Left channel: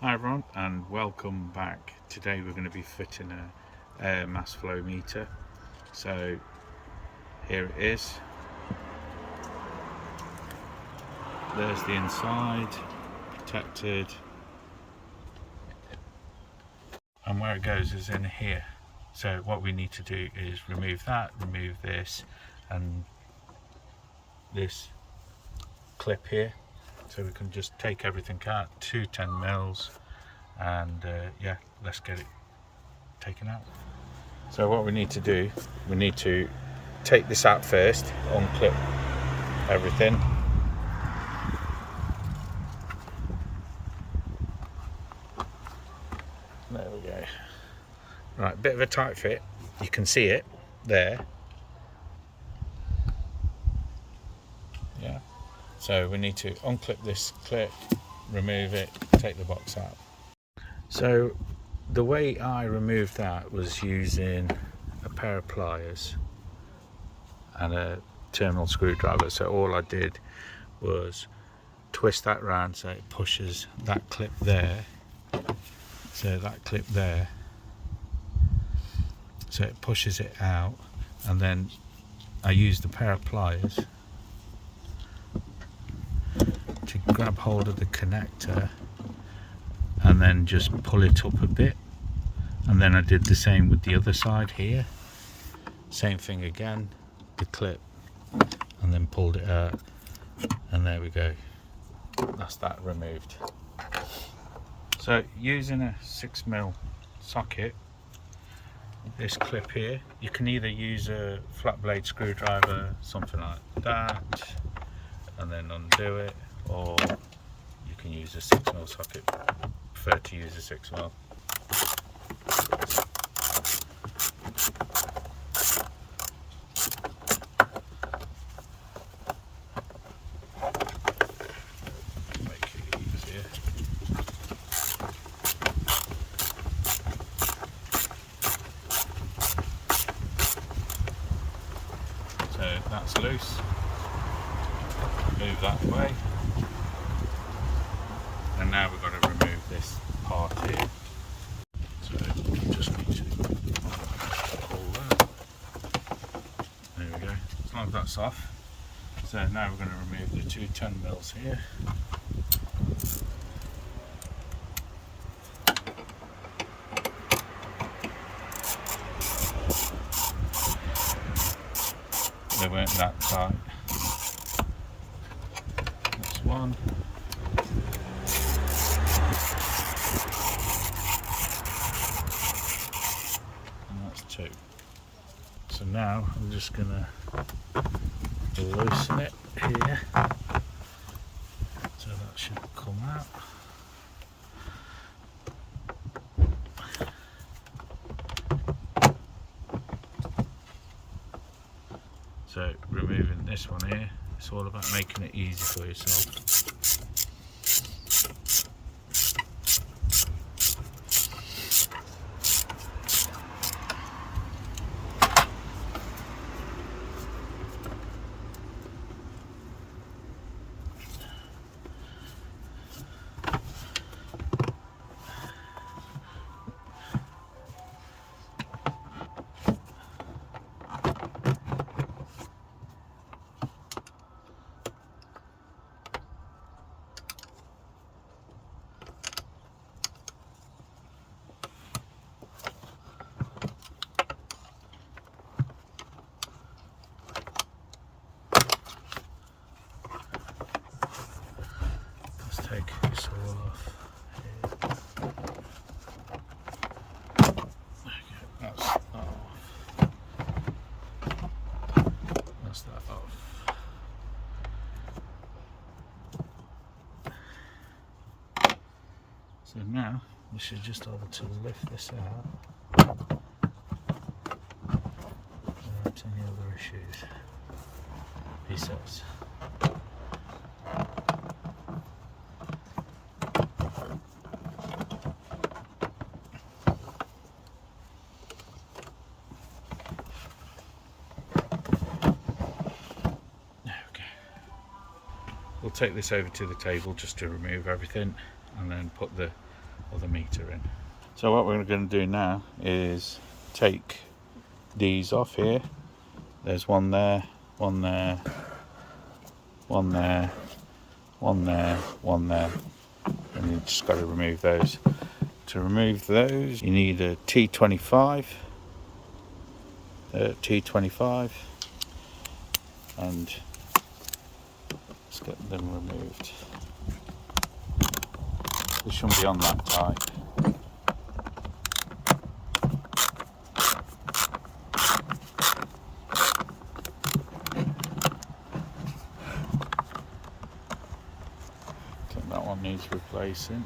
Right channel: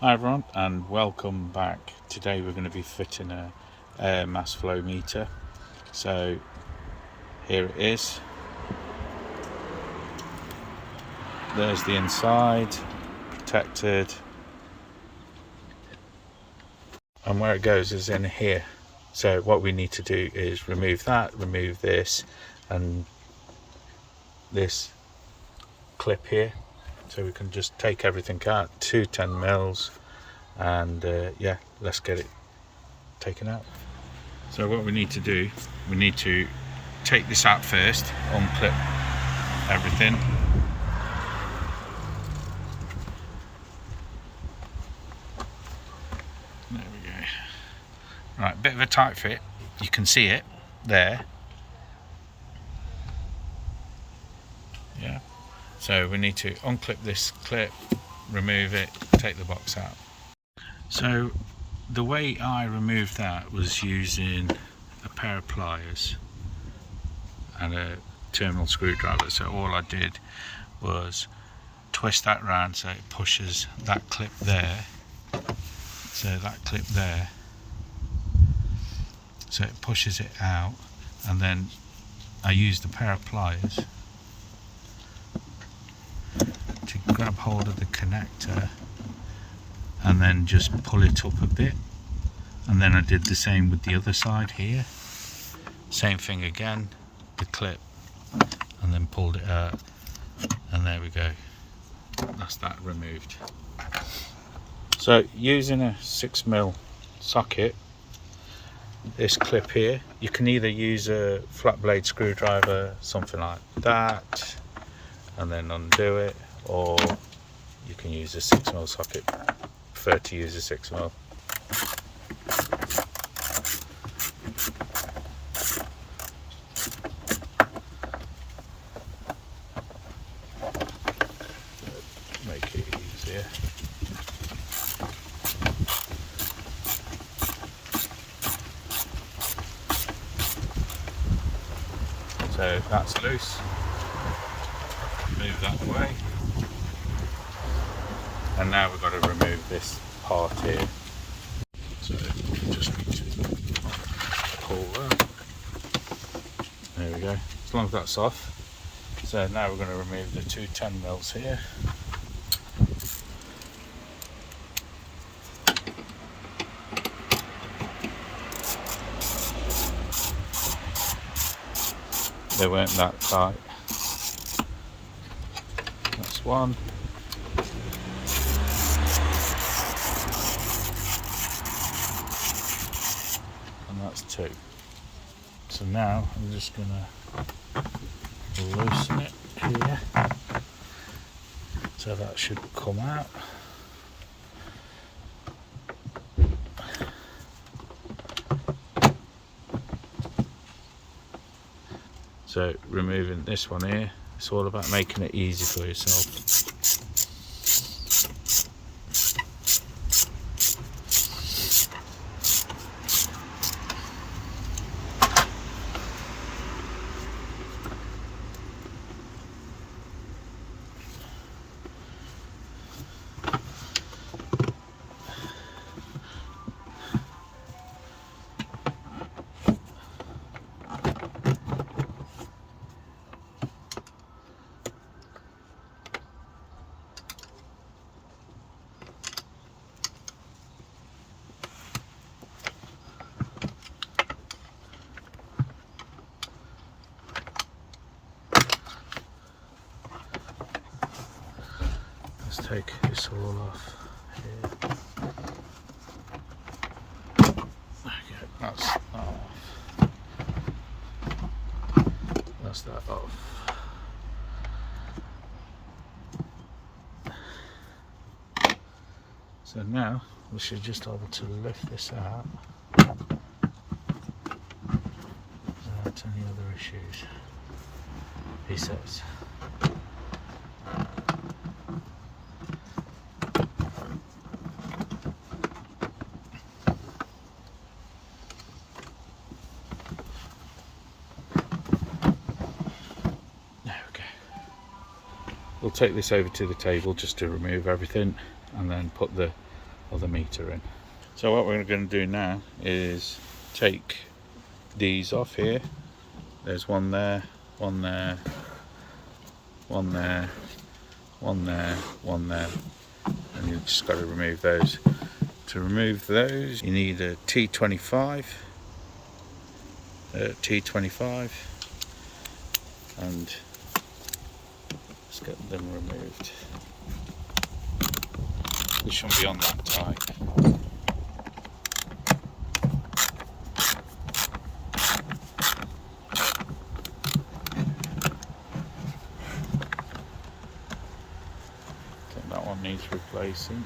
Hi everyone and welcome back. Today we're going to be fitting a air mass flow meter. So here it is. There's the inside, protected, and where it goes is in here. So what we need to do is remove that, remove this and this clip here, so we can just take everything out. 2 10 mils, and yeah, let's get it taken out. So what we need to do, we need to take this out first, unclip everything. There we go. Right, bit of a tight fit. You can see it there. Yeah. So we need to unclip this clip, remove it, take the box out. So the way I removed that was using a pair of pliers and a terminal screwdriver. So all I did was twist that round so it pushes that clip there. So that clip there. So it pushes it out, and then I used a pair of pliers to grab hold of the connector and then just pull it up a bit, and then I did the same with the other side here. Same thing again, the clip, and then pulled it out, and there we go, that's that removed. So using a 6mm socket, this clip here, you can either use a flat blade screwdriver, something like that, and then undo it, or you can use a 6mm socket. I prefer to use a 6mm. Make it easier. So that's loose. Move that away. And now we've got to remove this part here. So you just need to pull that. There we go. As long as that's off. So now we're going to remove the 2 10mm here. They weren't that tight. That's one. And that's 2. So now I'm just going to loosen it here. So that should come out. So removing this one here, it's all about making it easy for yourself. Take this all off here. Okay, that's off. That's that off. So now we should just be able to lift this out without any other issues, he says. We'll take this over to the table just to remove everything and then put the other meter in. So what we're going to do now is take these off here. There's one there, one there, one there, one there, one there, and you've just got to remove those. To remove those you need a T25, and let's get them removed. They shouldn't be on that tight. Okay, that one needs replacing.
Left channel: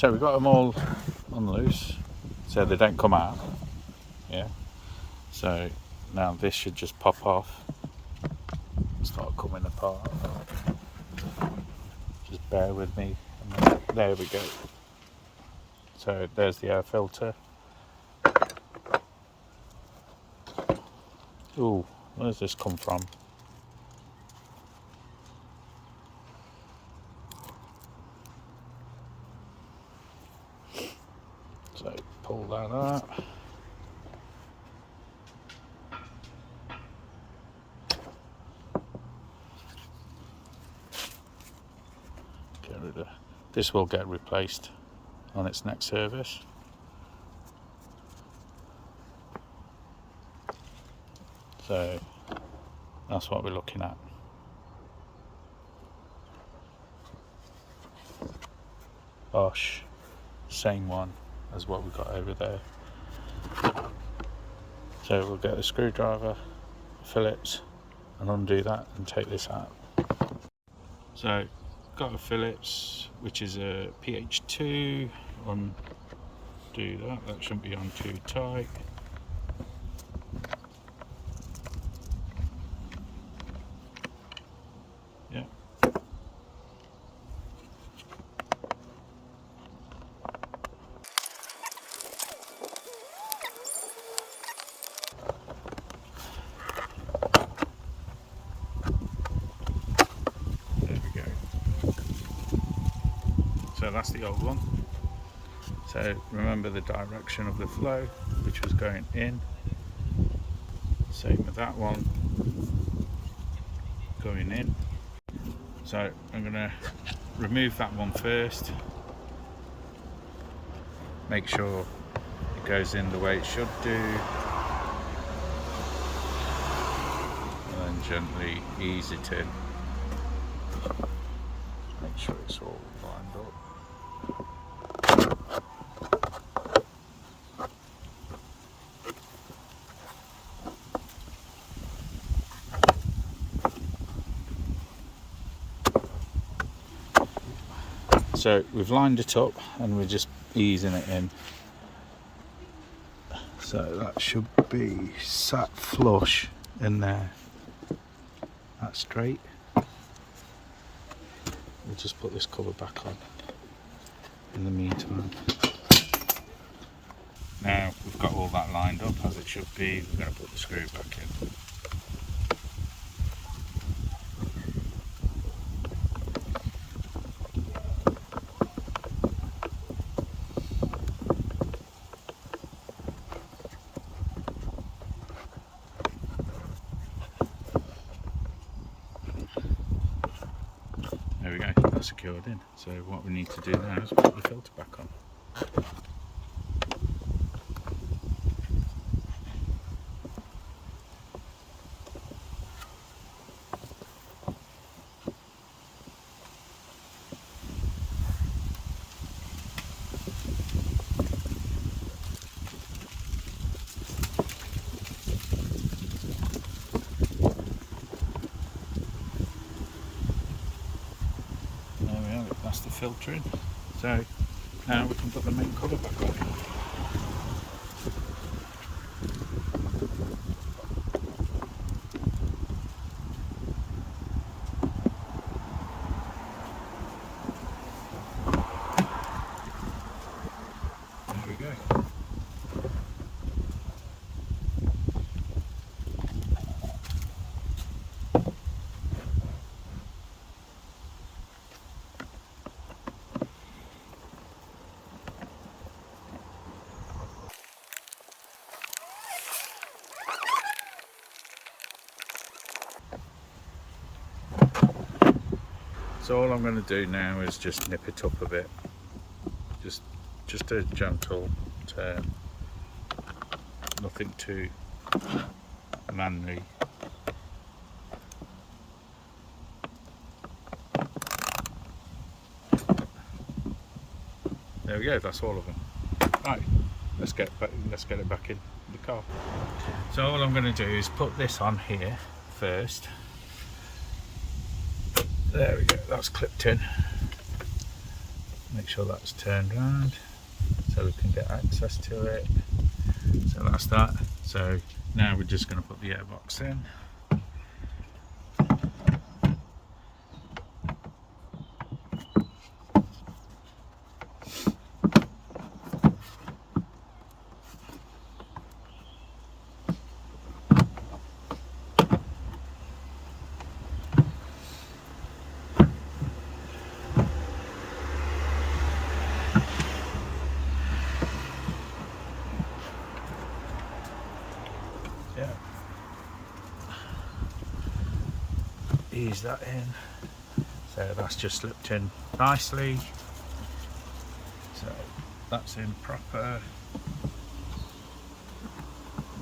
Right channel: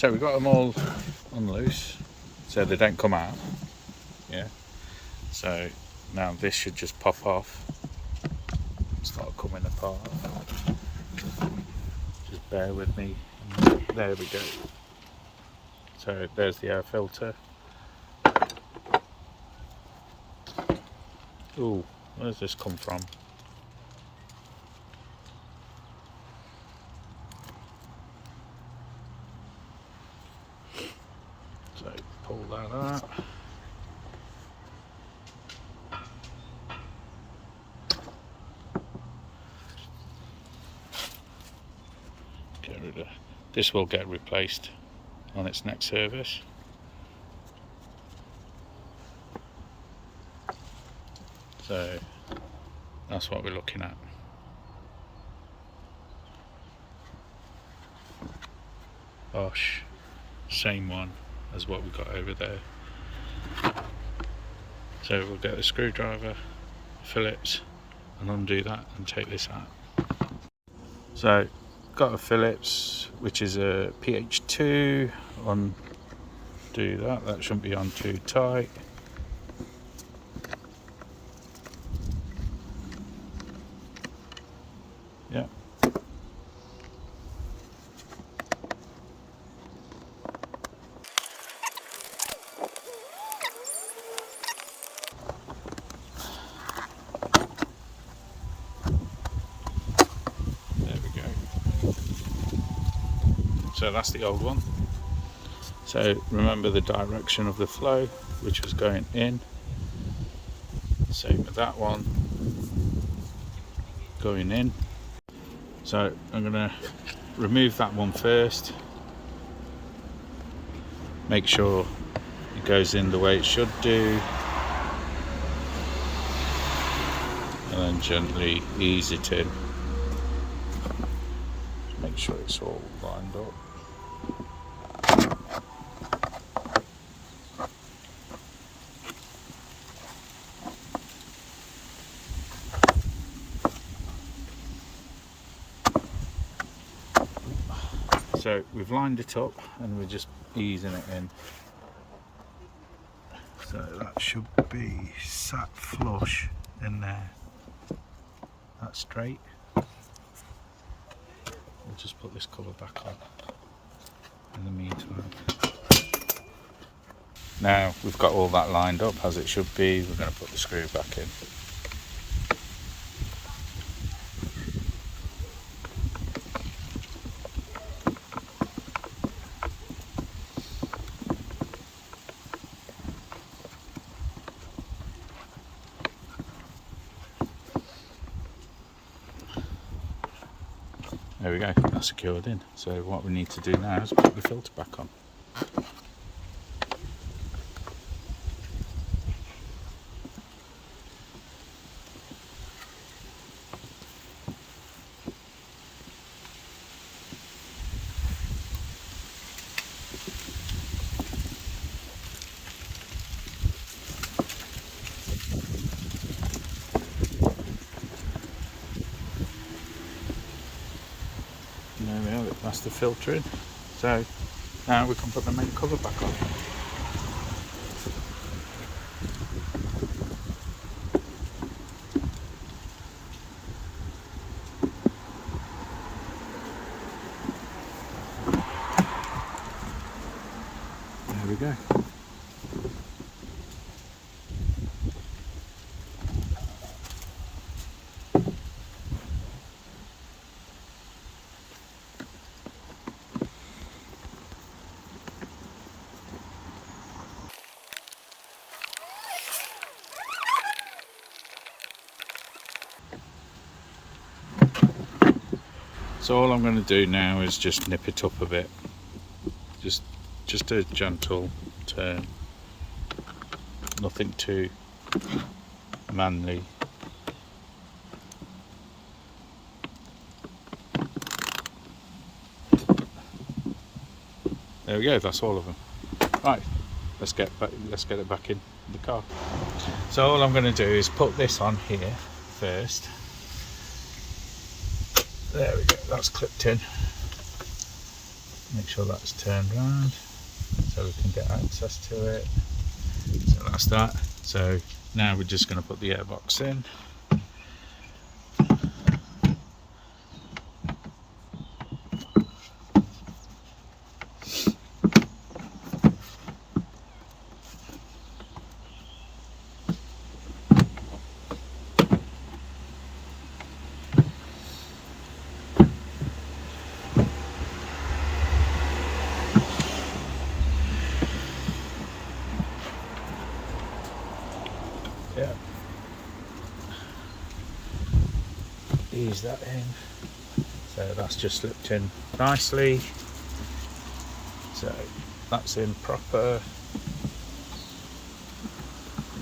So we've got them all on loose, so they don't come out. Yeah. So now this should just pop off and start coming apart. Just bear with me. There we go. So there's the air filter. Ooh, where does this come from? So pull that out. Get rid of this. Will get replaced on its next service. So that's what we're looking at. Bosch, same one as what we got over there. So we'll get the screwdriver, Phillips, and undo that and take this out. So got a Phillips, which is a PH2. Undo that. That shouldn't be on too tight. Yeah. So that's the old one. So remember the direction of the flow, which was going in. Same with that one, going in. So I'm going to remove that one first. Make sure it goes in the way it should do. And then gently ease it in. Make sure it's all lined up. So we've lined it up and we're just easing it in. So that should be sat flush in there. That's straight. We'll just put this cover back on in the meantime. Now we've got all that lined up as it should be, we're going to put the screw back in. There we go, that's secured in. So what we need to do now is put the filter back on. just the filtering. So now we can put the main cover back on. There we go. So all I'm going to do now is just nip it up a bit, just a gentle turn, nothing too manly. There we go, that's all of them. Right, let's get it back in the car. So all I'm going to do is put this on here first. There we go, that's clipped in. Make sure that's turned around so we can get access to it. So that's that. So now we're just going to put the airbox in. Yeah, ease that in. So that's just slipped in nicely. So that's in proper.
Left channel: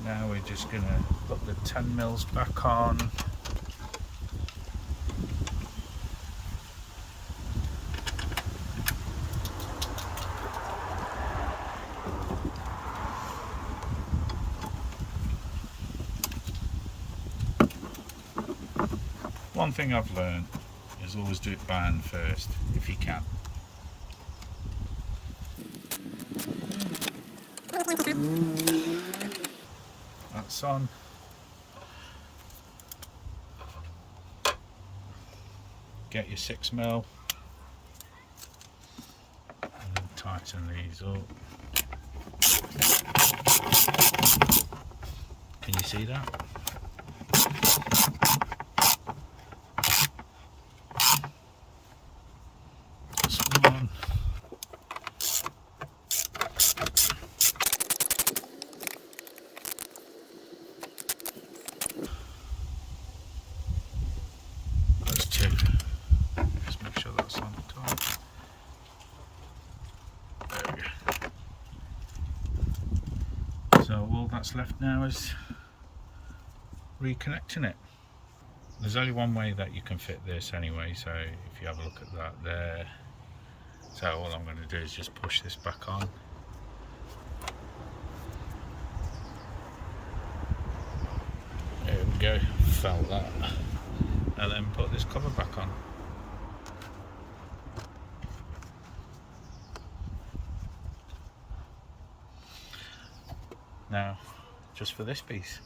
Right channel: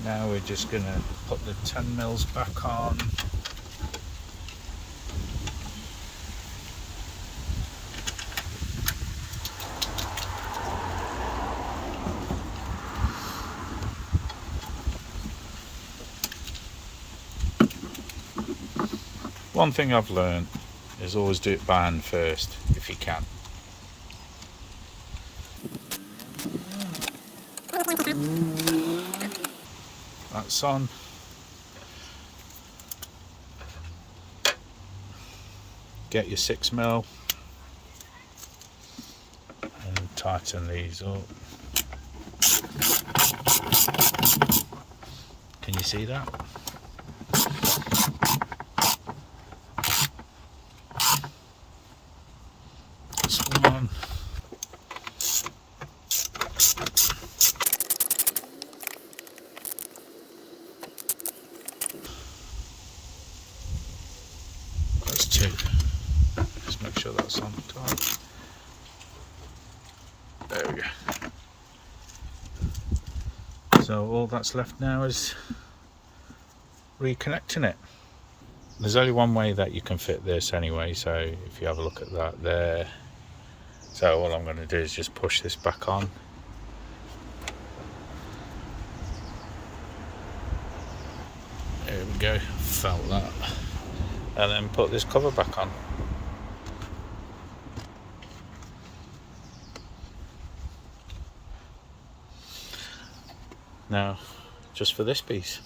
Now we're just going to put the 10 mils back on. One thing I've learned is always do it by hand first, if you can. That's on. Get your 6 mil and tighten these up. Can you see that? One. That's 2. Just make sure that's on top. There we go. So all that's left now is reconnecting it. There's only one way that you can fit this anyway, so if you have a look at that there. So all I'm going to do is just push this back on. There we go, felt that. And then put this cover back on. Now, just for this piece.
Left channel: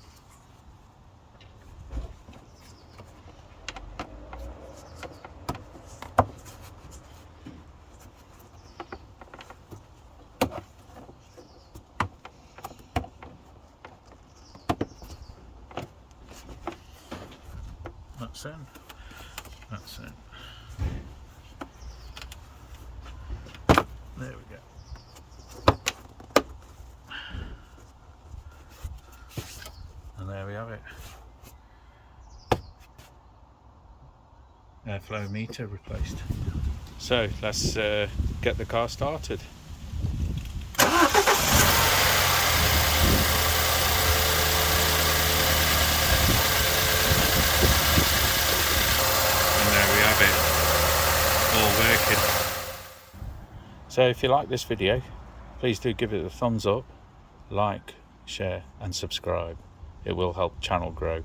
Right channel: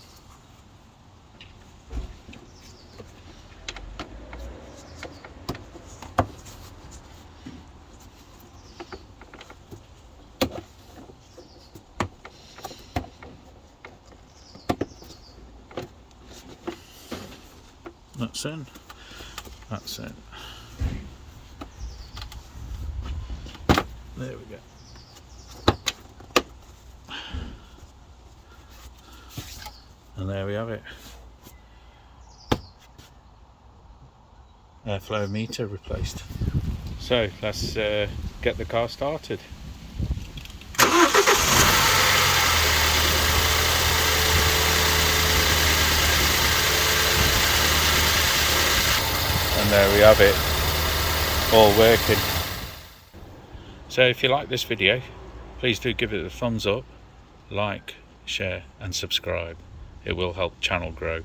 That's in. That's it. There we go. And there we have it. Airflow meter replaced. So let's get the car started. And there we have it, all working. So if you like this video, please do give it a thumbs up, like, share and subscribe. It will help channel grow.